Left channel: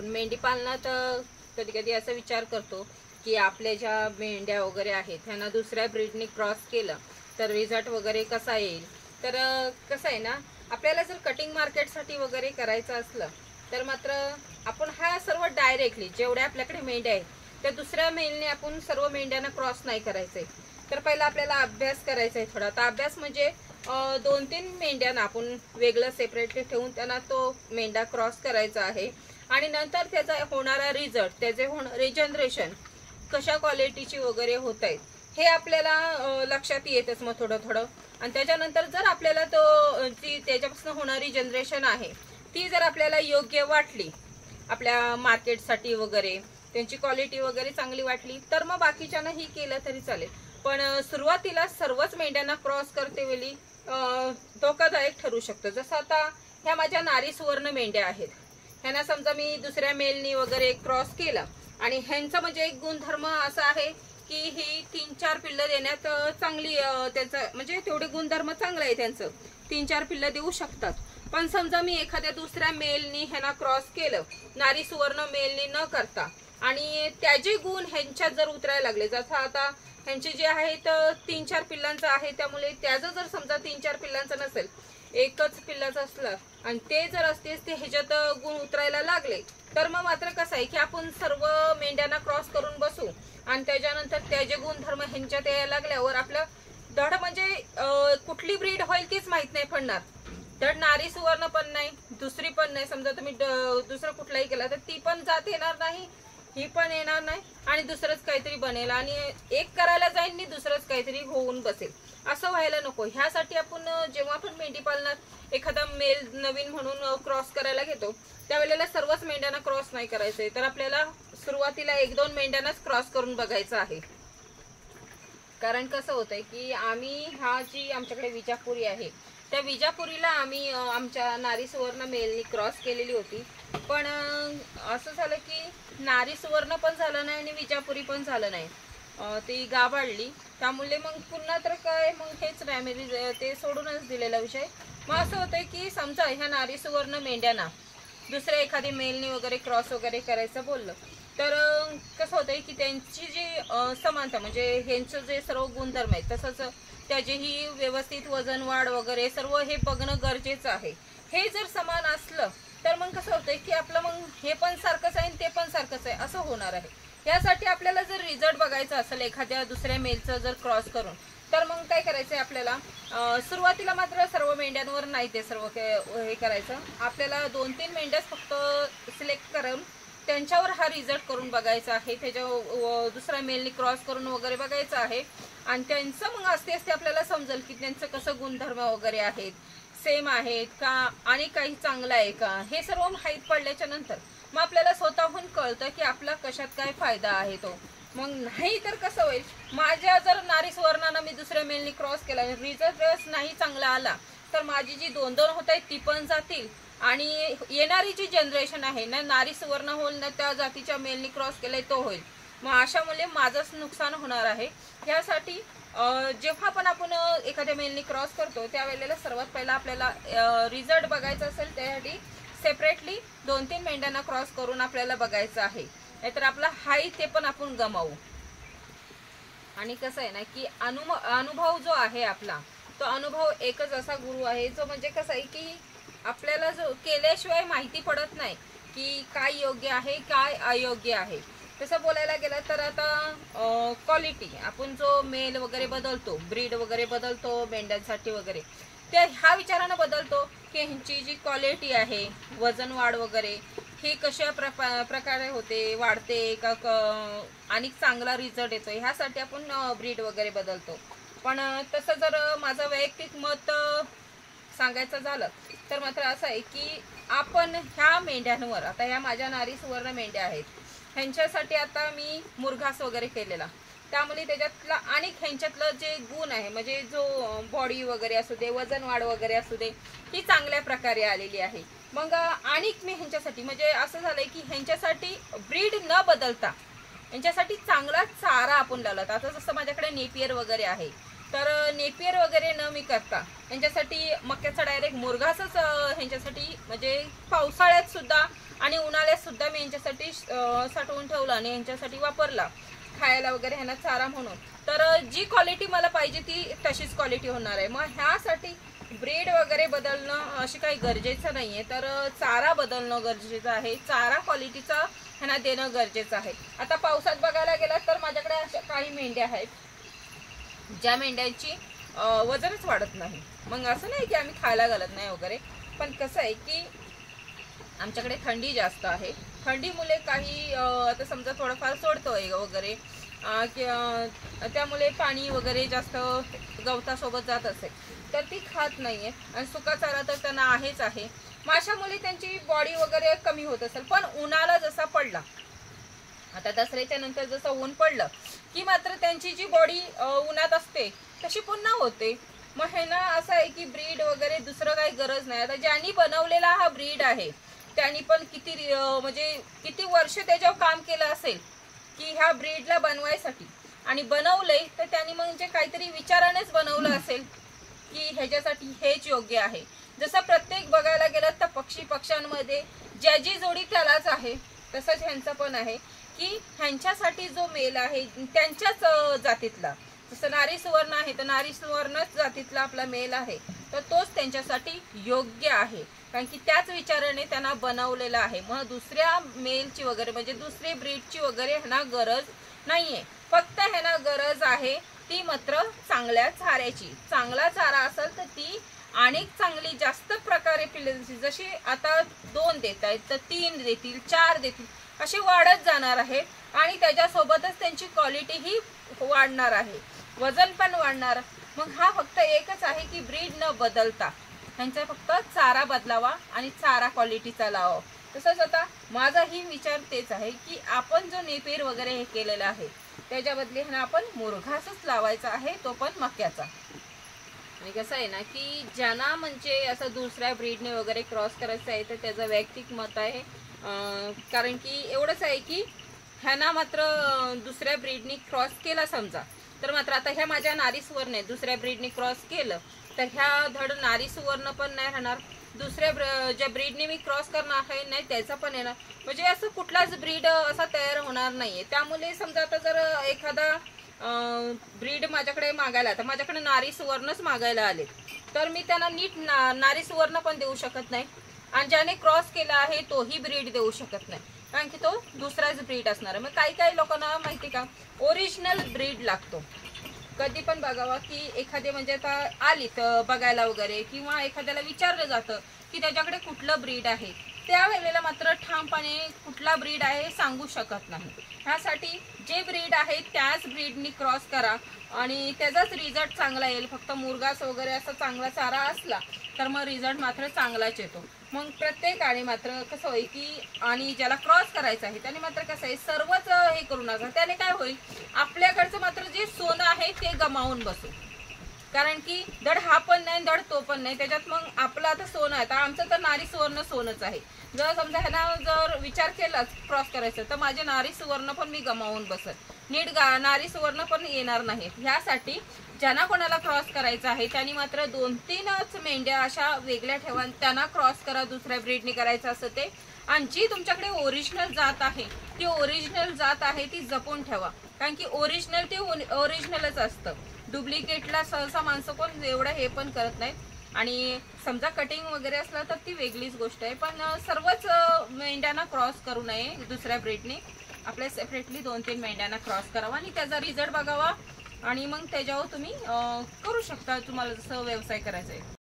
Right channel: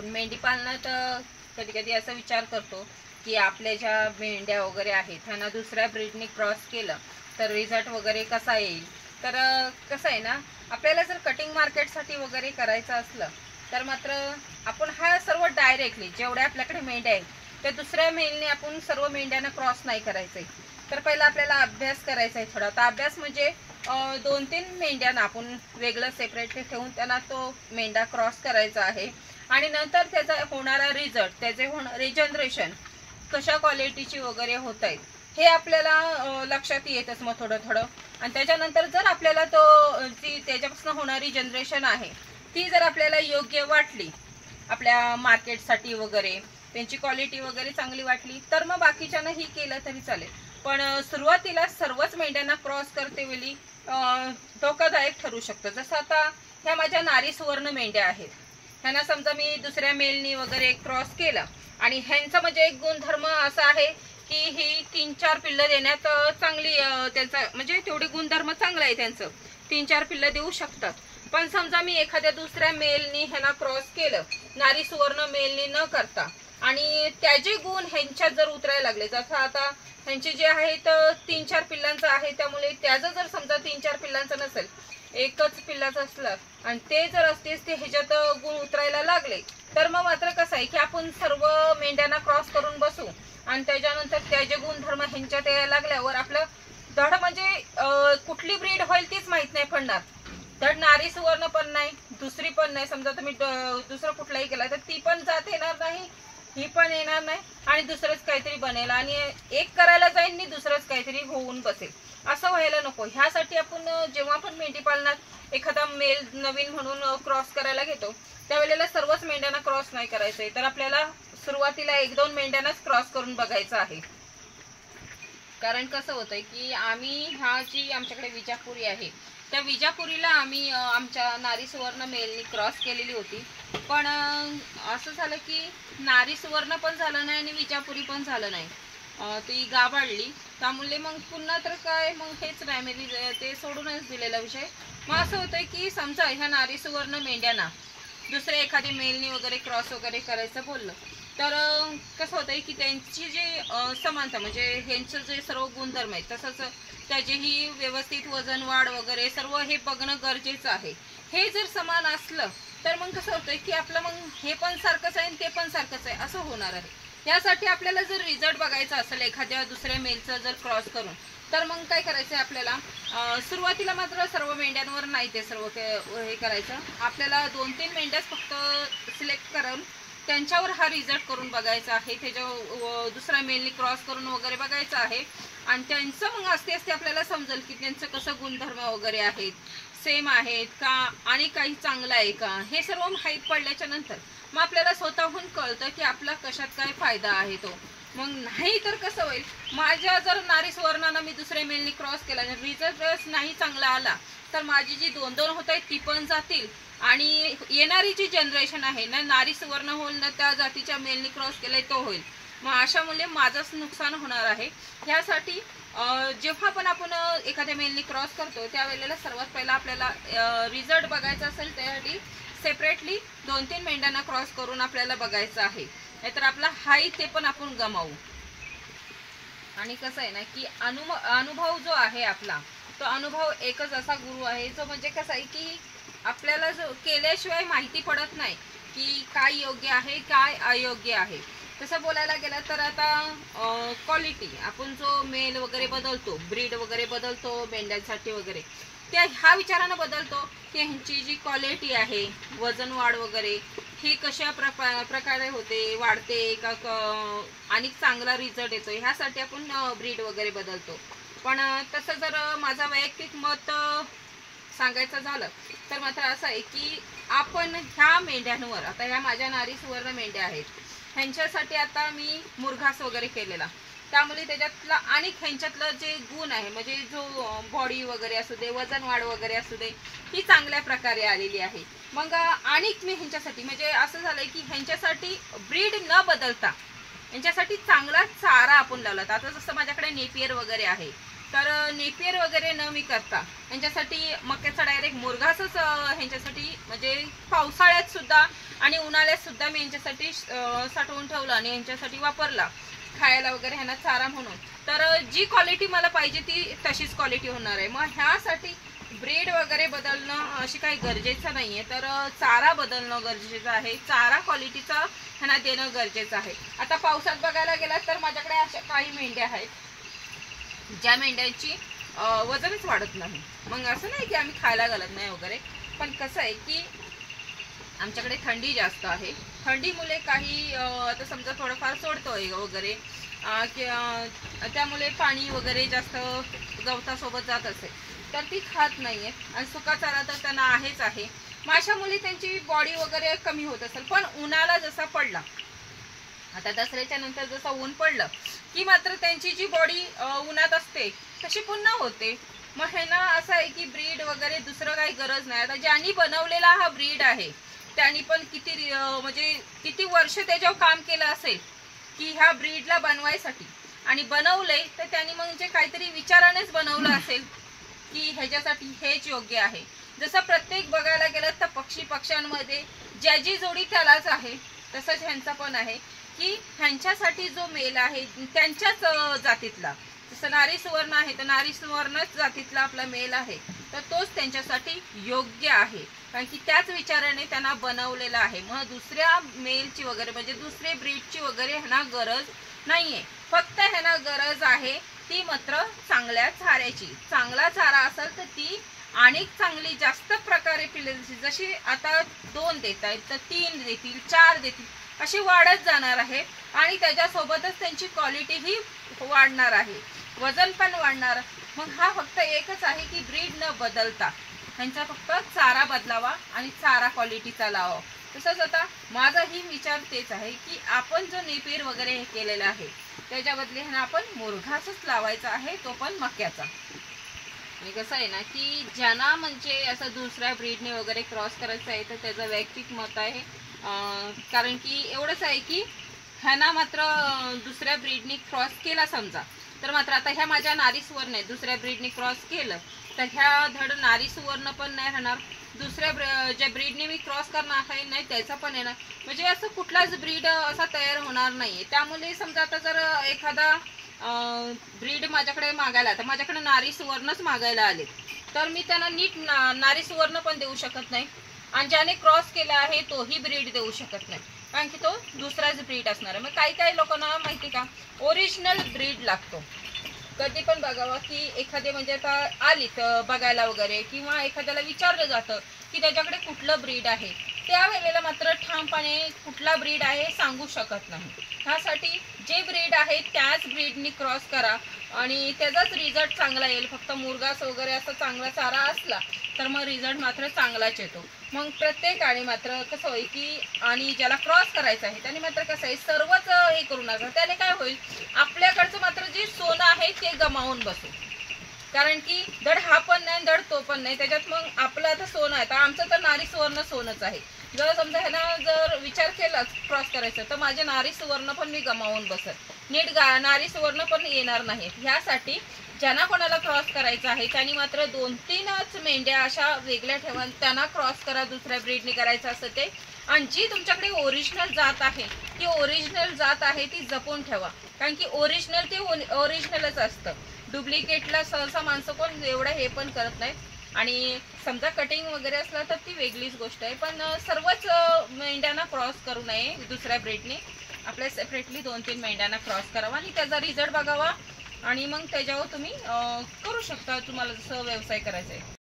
आपण मेंढी पालनात कधी कधी असा विचार करतो की आपल्या ज्या मेंढ्या वगैरे आहेत त्यांना दुसऱ्या ब्रीडने क्रॉस केलं तर रिझल्ट वगैरे कसा येईल। तर कसं आहे ना, आपल्याला जर कटिंग मार्केटसाठी वगैरे करायचं असलं तर मात्र आपण हा सर्व डायरेक्टली जेवढ्या आपल्याकडे मेंढ्या आहेत त्या दुसऱ्या मेलने आपण सर्व मेंढ्यांना क्रॉस नाही करायचंय। तर पहिला आपल्याला अभ्यास करायचा आहे थोडा। तर अभ्यास म्हणजे 2-3 मेंढ्यांना आपण वेगळं सेपरेट ठेवून त्यांना तो मेंढा क्रॉस करायचा आहे आणि नंतर त्याचा होणारा रिझल्ट, त्याचे रिजनरेशन कशा क्वालिटीची वगैरे होत आहेत हे आपल्याला लक्षात येतच मग थोडं थोडं। आणि त्याच्यानंतर जर आपल्याला तो जी त्याच्यापासून होणारी जनरेशन आहे ती जर आपल्याला योग्य वाटली आपल्या मार्केटसाठी वगैरे, त्यांची क्वालिटी वगैरे चांगली वाटली तर मग बाकीच्यांनाही केलं तरी चालेल। पण सुरुवातीला सर्वच मेंढ्यांना क्रॉस करते वेळी धोकादायक ठरू शकतं। जसं आता ह्या माझ्या नारी सुवर्ण मेंढ्या आहेत, ह्यांना समजा मी दुसऱ्या मेलनी वगैरे क्रॉस केलं आणि ह्यांचा म्हणजे एक गुणधर्म असा आहे की ही 3-4 पिल्लं देण्यात चांगली, त्यांचा म्हणजे तेवढे गुणधर्म चांगला आहे त्यांचं, 3-4 पिल्लं देऊ शकतात। पण समजा मी एखाद्या दुसऱ्या मेलनी ह्याला क्रॉस केलं नारी सुवर्ण मेलनी न करता आणि त्याचे गुण ह्यांच्यात जर उतरायला लागले, जसं आता ह्यांचे जे आहेत 3-4 पिल्लांचं आहे त्यामुळे त्याचं जर समजा 3-4 पिल्लांचं नसेल, एकच पिल्लाचं असलं आणि ते जर असतेच ते ह्याच्यात गुण उतरायला लागले तर मग मात्र कसं आहे की आपण सर्व मेंढ्यांना क्रॉस करून बसू आणि त्याच्यानंतर त्याचे गुणधर्म ह्यांच्यात यायला लागल्यावर आपलं धड म्हणजे कुठली ब्रीड होईल तीच माहित नाही पडणार। धड नारी सुवर्ण पण नाही, दुसरी पण नाही, समजा तुम्ही दुसरं कुठलाही केला तर ती पण जात येणार नाही, ही पण येणार नाही आणि दुसरंच काहीतरी बनेल आणि एक करायला जाईल आणि दुसरंच काहीतरी होऊन बसेल, असं व्हायला नको। ह्यासाठी आपण जेव्हा पण मेंढी पालनात एखादा मेल नवीन म्हणून क्रॉस करायला घेतो त्यावेळेला सर्वच मेंढ्यांना क्रॉस नाही करायचंय, तर आपल्याला सुरुवातीला 1-2 मेंढ्यांनाच क्रॉस करून बघायचं आहे। कारण कसं होतंय की आम्ही हा जी आमच्याकडे विजापुरी आहे त्या विजापुरीला आम्ही आमच्या नारी सुवर्ण मेलनी क्रॉस केलेली होती, पण असं झालं की नारी सुवर्ण पण झालं नाही आणि विजापुरी पण झालं नाही, ती गाभाळली। त्यामुळे मग पुन्हा तर काय मग हेच फॅमिली ते सोडूनच दिलेला विषय। मग असं होतंय की समजा ह्या नारी सुवर्ण मेंढ्यांना दुसऱ्या एखादी मेलनी वगैरे क्रॉस वगैरे करायचं बोललं तर कसं होतंय की त्यांची जी समानता म्हणजे ह्यांचं जे सर्व गुणधर्म आहेत तसंच त्याचेही व्यवस्थित वजन वाढ वगैरे सर्व हे बघणं गरजेचं आहे। हे जर समान असलं तर मग कसं होतंय की आपलं मग हे पण सारखंच आहे ते पण सारखंच आहे असं होणार आहे। यासाठी आपल्याला जर रिझल्ट बघायचा असेल एखाद्या दुसऱ्या मेलचं जर क्रॉस करून तर मग काय करायचं आहे आपल्याला, सुरुवातीला मात्र सर्व मेंढ्यांवर नाही ते सर्व हे करायचं, आपल्याला 2-3 मेंढ्याच फक्त सिलेक्ट करून त्यांच्यावर हा रिझल्ट करून बघायचा आहे, त्याच्या दुसऱ्या मेलनी क्रॉस करून वगैरे बघायचं आहे आणि त्यांचं मग असते असते आपल्याला समजेल की त्यांचं कसं गुणधर्म वगैरे आहेत, सेम आहेत का आणि काही चांगलं आहे का, हे सर्व माहीत पडल्याच्या नंतर मग आपल्याला स्वतःहून कळतं की आपला कशात काय फायदा आहे तो। मग नाही तर कसं होईल, माझ्या जर नारी सुवर्णानं मी दुसऱ्या मेलनी क्रॉस केला आणि रिझल्ट नाही चांगला आला तर माझी जी 2-2 होत आहेत ती पण जातील आणि येणारी जी जनरेशन आहे ना नारी सुवर्ण होईल ना त्या जातीच्या मेलनी क्रॉस केलाय तो होईल, मग अशामुळे माझंच नुकसान होणार आहे। ह्यासाठी जेव्हा पण आपण एखाद्या मेलनी क्रॉस करतो त्यावेळेला सर्वात पहिला आपल्याला रिझल्ट बघायचा असेल त्यासाठी सेपरेटली 2-3 मेंढ्यांना क्रॉस करून आपल्याला बघायचं आहे, नाहीतर आपला हाही ते पण आपण गमावू। आणि कसं आहे ना की अनुभव जो आहे आपला तो अनुभव एकच असा गुरु आहे जो म्हणजे कसं आहे की आपल्याला जो केल्याशिवाय माहिती पडत नाही की काय योग्य आहे काय अयोग्य आहे। तसं बोलायला गेलं तर आता क्वालिटी आपण जो मेल वगैरे बदलतो, ब्रीड वगैरे बदलतो मेंढ्यांसाठी वगैरे, त्या ह्या विचारानं बदलतो की ह्यांची जी क्वालिटी आहे वजन वाढ वगैरे हे कशा प्रकारे होते, वाढते का आणि चांगला रिझल्ट येतो, ह्यासाठी आपण ब्रीड वगैरे बदलतो। पण तसं जर माझं वैयक्तिक मत सांगायचं झालं तर मात्र असं आहे की आपण ह्या मेंढ्यांवर, आता ह्या माझ्या नारी सुवर्ण मेंढ्या आहेत ह्यांच्यासाठी आता मी मुरघास वगैरे केलेला, त्यामुळे त्याच्यातला आणि ह्यांच्यातलं जे गुण आहे म्हणजे जो बॉडी वगैरे असू दे, वजन वाढ वगैरे असू दे, ही चांगल्या प्रकारे आलेली आहे। मग आणि मी ह्यांच्यासाठी म्हणजे असं झालंय की ह्यांच्यासाठी ब्रीड न बदलता यांच्यासाठी चांगला चारा आपण लावला। आता जसं माझ्याकडे नेपियर वगैरे आहे तर नेपियर वगैरे न मी करता यांच्यासाठी मक्याचा डायरेक्ट मुरघासच ह्यांच्यासाठी म्हणजे पावसाळ्यात सुद्धा आणि उन्हाळ्यात सुद्धा मी यांच्यासाठी साठवून ठेवला आणि यांच्यासाठी वापरला खायला वगैरे ह्यांना चारा म्हणून। तर जी क्वालिटी मला पाहिजे ती तशीच क्वालिटी होणार आहे। मग ह्यासाठी ब्रीड वगैरे बदलणं अशी काही गरजेचं नाही आहे, तर चारा बदलणं गरजेचं आहे, चारा क्वालिटीचा ह्यांना देणं गरजेचं आहे। आता पावसात बघायला गेला तर माझ्याकडे अशा काही मेंढ्या आहेत ज्या मेंढ्यांची वजनच वाढत नाही। मग असं नाही की आम्ही खायला घालत नाही वगैरे, पण कसं आहे की आमच्याकडे थंडी जास्त आहे, थंडीमुळे काही आता समजा थोडंफार सोडतोय वगैरे त्यामुळे पाणी वगैरे जास्त गवतासोबत जात असेल तर ती खात नाहीये आणि सुका चारा तर त्यांना आहेच आहे। माशामुळे त्यांची बॉडी वगैरे कमी होत असेल, पण उन्हाळा जसा पडला आता दसऱ्याच्या नंतर जसं ऊन पडलं की मात्र त्यांची जी बॉडी उन्हात असते तशी पुन्हा होते। मग ह्यांना असं आहे की ब्रीड वगैरे दुसरं काही गरज नाही। आता ज्यांनी बनवलेला हा ब्रीड आहे त्यांनी पण किती म्हणजे किती वर्ष त्याच्यावर काम केलं असेल की ह्या ब्रीडला बनवायसाठी, आणि बनवलंय तर त्यांनी म्हणजे काहीतरी विचारानेच बनवलं असेल की ह्याच्यासाठी हेच योग्य आहे। जसं प्रत्येक बघायला गेलं तर पक्ष्यांमध्ये ज्याची जोडी त्यालाच आहे, तसंच ह्यांचा पण आहे की ह्यांच्यासाठी जो मेल आहे त्यांच्याच जातीतला, जसं नारी सुवर्ण आहे तर नारी सुवर्णच जातीतला आपला मेल आहे तर तोच त्यांच्यासाठी योग्य आहे, कारण की त्याच विचाराने त्यांना बनवलेलं आहे। मग दुसऱ्या मेलची वगैरे म्हणजे दुसरे ब्रीडची वगैरे ह्यांना गरज नाहीये, फक्त ह्यांना गरज आहे ती मात्र चांगल्या चाऱ्याची। चांगला चारा असेल तर ती आणि चांगली जास्त प्रकारे पिल्ले जशी आता 2 देत आहेत तर 3 देतील, 4 देतील, अशी वाढत जाणार आहे आणि त्याच्यासोबतच त्यांची क्वालिटी ही वाढणार आहे, वजन पण वाढणार। मग हा फक्त एकच आहे की ब्रीड न बदलता ह्यांचा फक्त चारा बदलावा आणि चारा क्वालिटीचा लावा। तसंच आता माझाही विचार तेच आहे की आपण जो नेपियर वगैरे हे केलेला आहे त्याच्या बदली ह्यांना आपण मुरघासच लावायचा आहे, तो पण मक्याचा। आणि कसं आहे ना की ज्यांना म्हणजे असं दुसऱ्या ब्रीडने वगैरे क्रॉस करायचं आहे तर त्याचं वैयक्तिक मत आहे, कारण की एवढंच आहे की ह्यांना मात्र दुसऱ्या ब्रीडने क्रॉस केला समजा तर मात्र आता ह्या माझ्या नारी सुवर्ण आहे, दुसऱ्या ब्रीडने क्रॉस केलं तर ह्या धड नारी सुवर्ण पण नाही राहणार, दुसऱ्या ज्या ब्रीडने मी क्रॉस करणार आहे नाही त्याचा पण येणार, म्हणजे असं कुठलाच ब्रीड असा तयार होणार नाहीये। त्यामुळे समजा आता जर एखादा ब्रीड माझ्याकडे मागायला, तर माझ्याकडे नारी सुवर्णच मागायला आले तर मी त्यांना नीट नारी सुवर्ण पण देऊ शकत नाही आणि ज्याने क्रॉस केला आहे तोही ब्रीड देऊ शकत नाही, कारण की तो दुसराच ब्रीड असणार आहे। मग काही लोकांना माहिती का ओरिजिनल ब्रीड लागतो। कधी पण बघावा की एखादे म्हणजे आता आली तर बघायला वगैरे किंवा एखाद्याला विचारलं जातं की त्याच्याकडे कुठलं ब्रीड आहे, त्यावेळेला मात्र ठामपणे कुठला ब्रीड आहे सांगू शकत नाही। ह्यासाठी जे ब्रीड आहे त्याच ब्रीडनी क्रॉस करा आणि त्याचाच रिझल्ट चांगला येईल। फक्त मुरघास वगैरे असा चांगला चारा असला तर मग रिझल्ट मात्र चांगलाच येतो। मग प्रत्येकाने मात्र कसं होईल की आणि ज्याला क्रॉस करायचं आहे त्याने मात्र कसं आहे सर्वच हे करू नका, त्याने काय होईल आपल्याकडचं मात्र जे सोनं आहे ते गमावून बसू, कारण की धड हा पण नाही धड तो पण नाही, त्याच्यात मग आपलं आता सोनं आहे। आता आमचं तर नारी सुवर्ण सोनच आहे, जर समजा ह्याला जर विचार केला क्रॉस करायचं तर माझे नारी सुवर्ण पण मी गमावून बसत, नीट नारी सुवर्ण पण येणार नाहीत। ह्यासाठी ज्यांना कोणाला क्रॉस करायचा आहे त्यांनी मात्र 2-3च मेंढ्या अशा वेगळ्या ठेवा, त्यांना क्रॉस करा दुसऱ्या ब्रीडने करायचं असं ते, आणि जी तुमच्याकडे ओरिजिनल जात आहे ती ओरिजिनल जात आहे ती जपून ठेवा, कारण की ओरिजिनल ते ओरिजिनलच असतं। डुप्लिकेटला सहसा माणसं कोण एवढं हे पण करत नाहीत आणि समजा कटिंग वगैरे असलं तर ती वेगळीच गोष्ट आहे, पण सर्वच मेंढ्यांना क्रॉस करू नये दुसऱ्या ब्रीडने, आपल्या सेपरेटली 2-3 मेंढ्यांना क्रॉस करावा आणि त्याचा रिझल्ट बघावा आणि मग त्याच्यावर तुम्ही करू शकता, तुम्हाला जसं व्यवसाय करायचा आहे।